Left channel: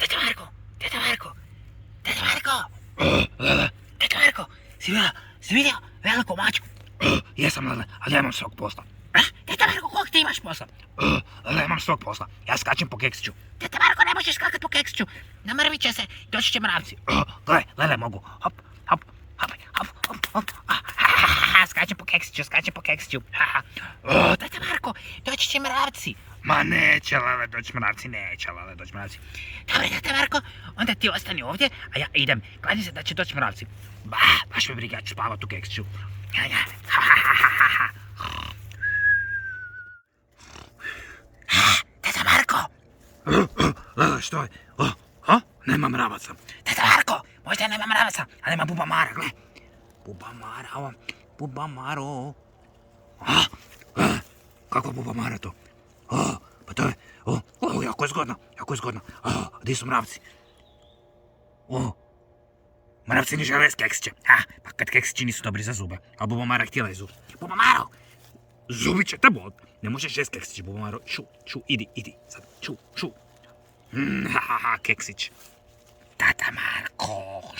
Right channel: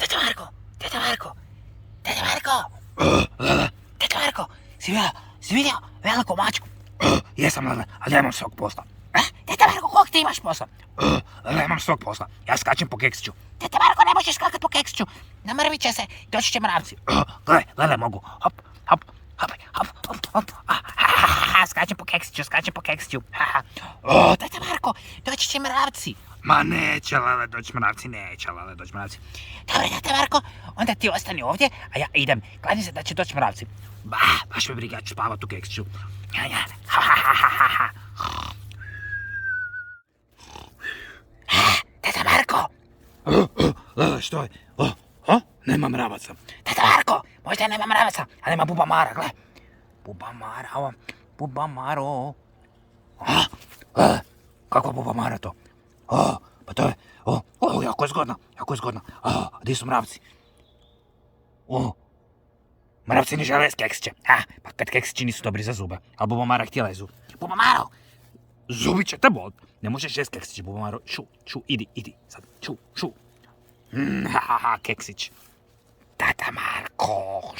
Teta Marko, Teta Marko, Teta Marko. Teta Marko, si vidio veliku mačku? Jesam, Lele, ali ja imam svog posla. Teta Marko, kog ti imaš posla? Lele, imam svog posla. Ja skačem po keksiću. Teta Marko, ne možeš skakat po keksiću. Namrvit će se, doći će mravci. Gle, Lele, mogu. Hop, hop, hop, hop, hop, hop. Skačem po keksiću. Teta Marko, doći će mravci. Ma neće, Lele, doći mravci. Dobro, Teta Marko, onda ti ostani ovdje, a ja idem. Kladim se da će doći mravci. Baš me briga, ja ću spavat u keksiću. Teta Marko, Lele, što je? Nema mravaca. Teta Marko, možda nema mravaca, ali ima bubamara, gle. Bubamaro. Kakva bubamara to? Pa to je, jako je zgodno. Gdje su mravci? Mravci ne žele s keksića. Pa kad keksići nisu dobri za zube, a bubamara htjela je zub. Bubamaro, Zubi će te bol. Ne možeš jest keksić, bubamaro. Idi, sad, ču. Keksić. Teta Marko.